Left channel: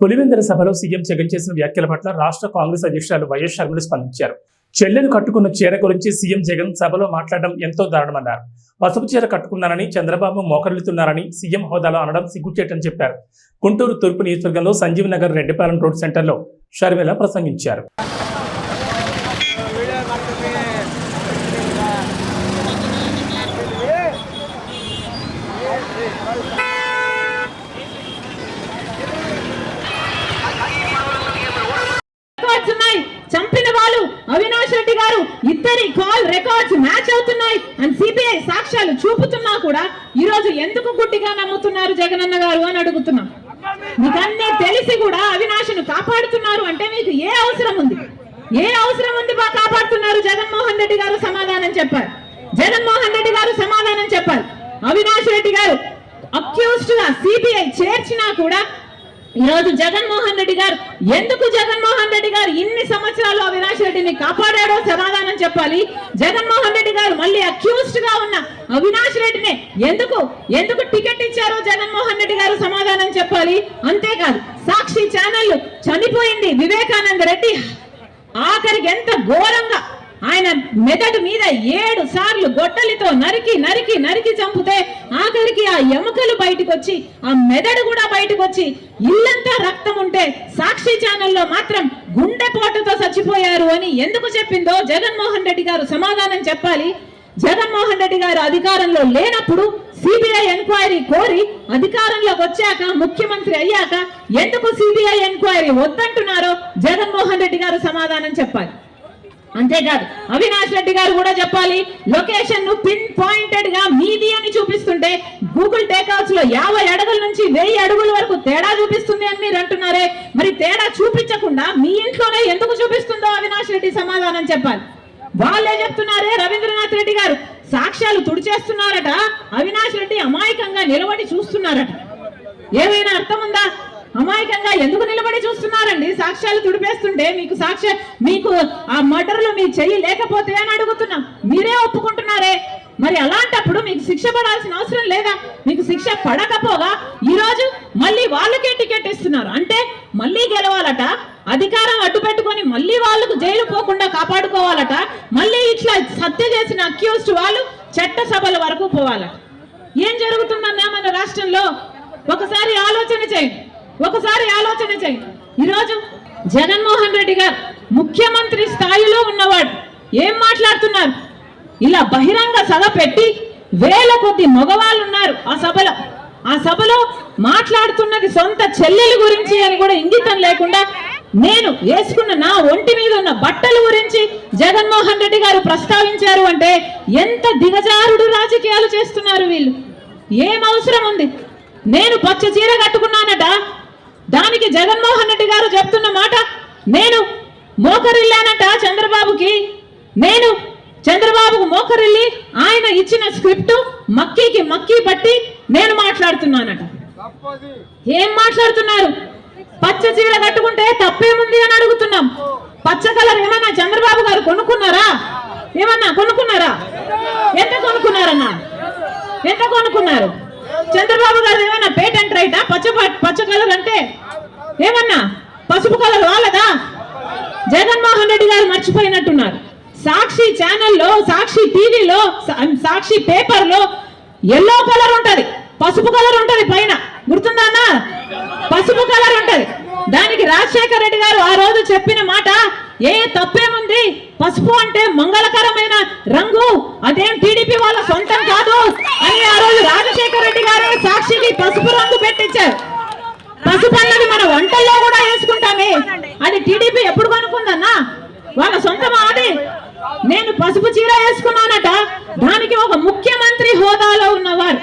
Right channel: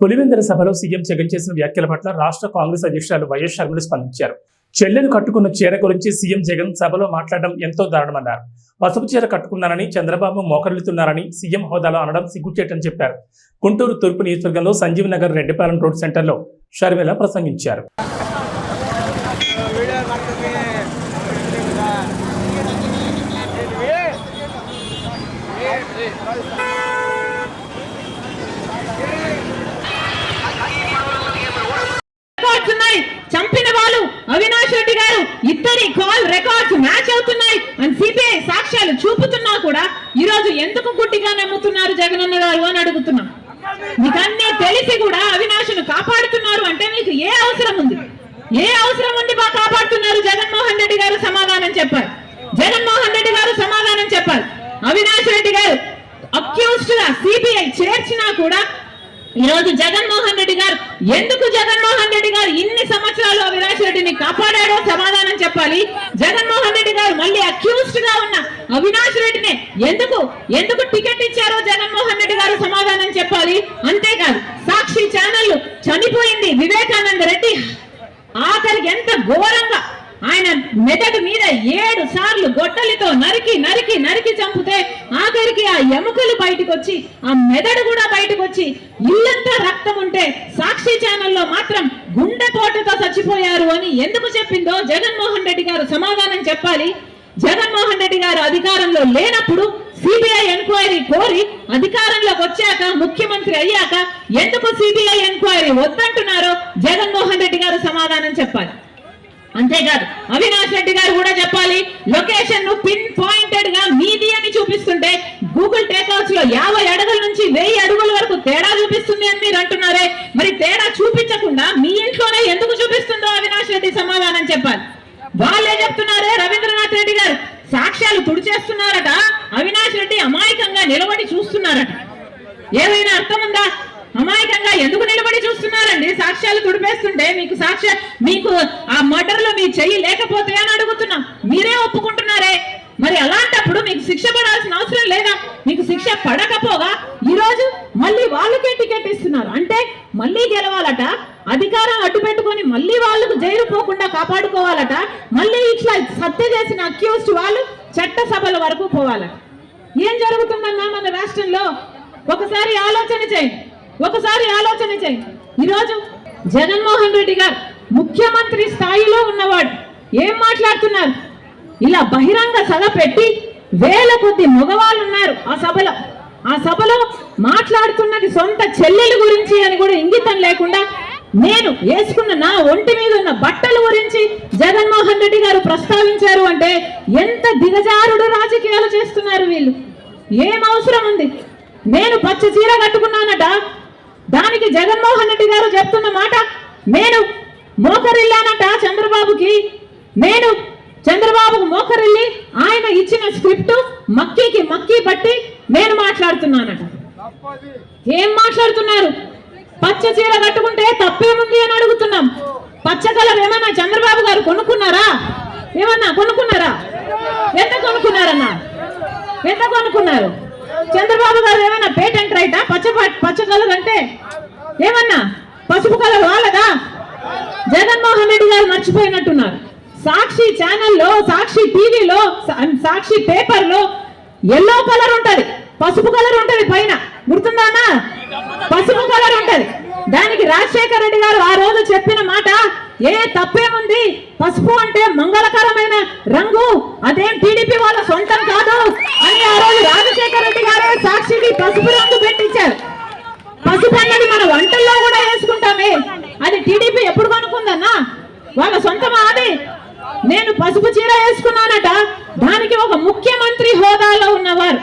పులివెందుల సభలో సీఎం జగన్ చేసిన వ్యాఖ్యల పట్ల రాష్ట్ర కాంగ్రెస్ అధ్యక్షురాలు వైఎస్ షర్మిల స్పందించారు. చెల్లెలు కట్టుకున్న చీర గురించి సీఎం జగన్ సభలో మాట్లాడడం ఎంతో దారుణమన్నారు. పసుపు చీర కట్టుకున్నానని చంద్రబాబు మోకరిల్లుతున్నారని సీఎం హోదాలో అనడం సిగ్గుచేటని చెప్పారు. గుంటూరు తూర్పు నియోజకవర్గంలో సంజీవ్ నగర్ రెడ్డిపాలెం రోడ్ సెంటర్లో షర్మిల ప్రసంగించారు. చంపిన వాళ్ళు అవినాష్ రెడ్డి గారు ఇద్దరి కాల్ రికార్డ్స్ మ్యాచ్ అవుతున్నాయి అని సిబిఐ సాక్ష్యాలు చూపుతున్నా కూడా ఈ రోజు ఎందుకు గుడ్డిగా నమ్ముతున్నారు జగనన్న గారు అని అడుగుతున్నాం. మీకు అన్ని తెలిసి కూడా అవినాష్ను కాపాడుతున్నారు అంటే మీకు ఏ అవసరం ఉంది? ఏ అవసరం ఉంది బా కాపాడుతున్నారు? జగన్మోహన్ రెడ్డి గారు సమాధానం చెప్పారు. జగన్మోహన్ రెడ్డి గారు సమాధానం చెప్పారు. అవినాష్ రెడ్డి గారు అక్యూజ్డ్ గా సిబిఐ చేర్చినా కూడా ఈరోజు జగన్మోహన్ రెడ్డి గారు ఎందుకు జగన్మోహన్ రెడ్డి గారు ఇన్ని సంవత్సరాలు అవినాష్ రెడ్డిని కాపాడాడో సమాధానం చెప్పాలి. జగన్మోహన్ రెడ్డి గారు మళ్ళీ అక్యూజ్డ్ గా ఉన్న అవినాష్ రెడ్డిని ఎందుకు టికెట్ ఇచ్చారో జగన్మోహన్ రెడ్డి గారు సమాధానం చెప్పాలి. అంతేకాదు సాక్షి ఛానల్ చనిపోయింది వివేకానంద రెడ్డి ఆఖరికి ఎంత ఘోరంగా ఆయన మెదడు మీద 7 సార్లు గొడ్డలితో నరికి చంపితే ఆఖరికి ఆ ఎముకలు బయటకు వచ్చి ఆ మెదడు కూడా బయటకు వచ్చి ఇల్లంతా రక్తం ఉంటే సాక్షి ఛానల్లో మాత్రం గుండెపోటుతో చచ్చిపోయారు అని ఎందుకు చెప్పిందో జగన్మోహన్ రెడ్డి గారు సమాధానం చెప్పాలి. జగన్మోహన్ రెడ్డి గారు అధికారంలో లేనప్పుడు సిబిఐ ఎంక్వైరీ కోరి అధికారంలోకి వచ్చాక ముఖ్యమంత్రి అయ్యాక ఎందుకు సిబిఐ ఎంక్వైరీ వద్దంటున్నారో జగన్మోహన్ రెడ్డి గారు సమాధానం చెప్పాలి. అంతేకాదు అవినాష్ రెడ్డి గారు కూడా చెప్పాలి. లొకేషన్ ను పిన్ పాయింటెడ్ గా మీది అని చూపిస్తుంటే గూగుల్ టేక్అవుట్స్ లో 50 అడుగుల నుంచి 1000 అడుగుల వరకు తేడా చూపిస్తుంది అని మీరు అంటున్నారే, మరి తేడా చూపించకుండా మీ ఇంట్లోనే ఎందుకు చూపిస్తుందో అవినాష్ రెడ్డి సమాధానం చెప్పాలి. వాళ్ళే చెప్తున్నారే రవీంద్రనాథ్ రెడ్డి గారు సాక్ష్యాలు తుడిచేస్తున్నారట, అవినాష్ రెడ్డి అమాయకంగా నిలబడి చూస్తున్నారట. ఏమైనా అర్థం ఉందా? అమాయకంగా ఎందుకు నిలబడి చూస్తున్నారండి? సాక్ష్యాలు తుడిపేస్తుంటే మీకు ఆ మర్డర్లో మీ చెయ్యి లేకపోతే అని అడుగుతున్నాం. మీరే ఒప్పుకుంటున్నారే, మరి అలాంటప్పుడు మీకు శిక్ష పడాల్సిన అవసరం లేదా? మీకు శిక్ష పడకపోగా ఈరోజు మళ్ళీ వాళ్ళకే టికెట్ ఇస్తున్నారు అంటే మళ్ళీ గెలవాలట, అధికారం అడ్డు పెట్టుకొని మళ్ళీ వాళ్ళకు జైలు పోకుండా కాపాడుకోవాలట, మళ్ళీ ఇట్లా హత్య చేసిన అక్యూజ్డ్ వాళ్ళు చట్టసభల వరకు పోవాలట. ఏం జరుగుతుందన్నా మన రాష్ట్రంలో? ఒకసారి ఆలోచన చేయండి. ఈరోజు జగన్మోహన్ రెడ్డి గారు ముఖ్యమంత్రి స్థాయిలో ఉన్నవాడు ఏం మాట్లాడుతున్నారు? ఇలా బహిరంగ సభ పెట్టి 1000 కొద్ది మగవాళ్ళు ఉన్నారు ఆ సభలో మాట్లాడుతున్నది సొంత చెల్లెల గురించి అని కూడా ఇంగితం లేకుండా నేను వేసుకున్న నా ఒంటి మీద ఉన్న బట్టల గురించి జగన్మోహన్ రెడ్డి గారు ప్రస్తావించారు అంటే ఎంత దిగజారుడు రాజకీయాలు చేస్తున్నారు వీళ్ళు. ఏం అవసరం ఉంది? నేను పచ్చ చీర కట్టుకున్నానట, దానికి జగన్మోహన్ రెడ్డి గారు చెప్తున్న మాట నేను మోకరిల్లానట చంద్రబాబుకు మోకరిల్లి ఆయన ఇచ్చిన స్క్రిప్ట్ మక్కీ పట్టి నేను మాట్లాడుతున్నానట. ఏం మాట్లాడుతున్నారు? పచ్చ చీర కట్టుకుంటే తప్పేముంది అని అడుగుతున్నాం. పచ్చ కలర్ ఏమన్నా చంద్రబాబు గారు కొనుక్కున్నారా? ఎంత కొనుక్కున్నారు? చంద్రబాబు గారు ఏమైనా పేటెంట్ రైటా? పచ్చ కలర్ అంటే ఏమన్నా పసుపు కలర్ వాళ్ళదా? జగన్మోహన్ రెడ్డి గారు మర్చిపోయినట్టున్నారు. సాక్షి ఛానల్లో, సాక్షి టీవీలో, సాక్షి పేపర్ లో ఎల్లో కలర్ ఉంటది, పసుపు కలర్ ఉంటది, పైన గుర్తుందా? పసుపు కలర్ ఉంటది. దానికి రాజశేఖర రెడ్డి గారు ఆ రోజు చెప్పిన మాట తప్పేముంది? పసుపు అంటే మంగళకరమైన రంగు, అదేం టీడీపీ వాళ్ళ సొంతం కాదు అని ఆ రోజు రాజశేఖర రెడ్డి గారే సాక్షికి పసుపు రంగు పెట్టించారు. పసుపు అన్నది మన వంటల్లో కూడా వేసుకుంటామే, అది టీడీపీ ఎప్పుడు కనుక్కుందన్నా? వాళ్ళ సొంతమా అది? నేను పసుపు చీర వేసుకున్నానట, దానికి ఒక ముఖ్యమంత్రి హోదాలో ఉన్నవారు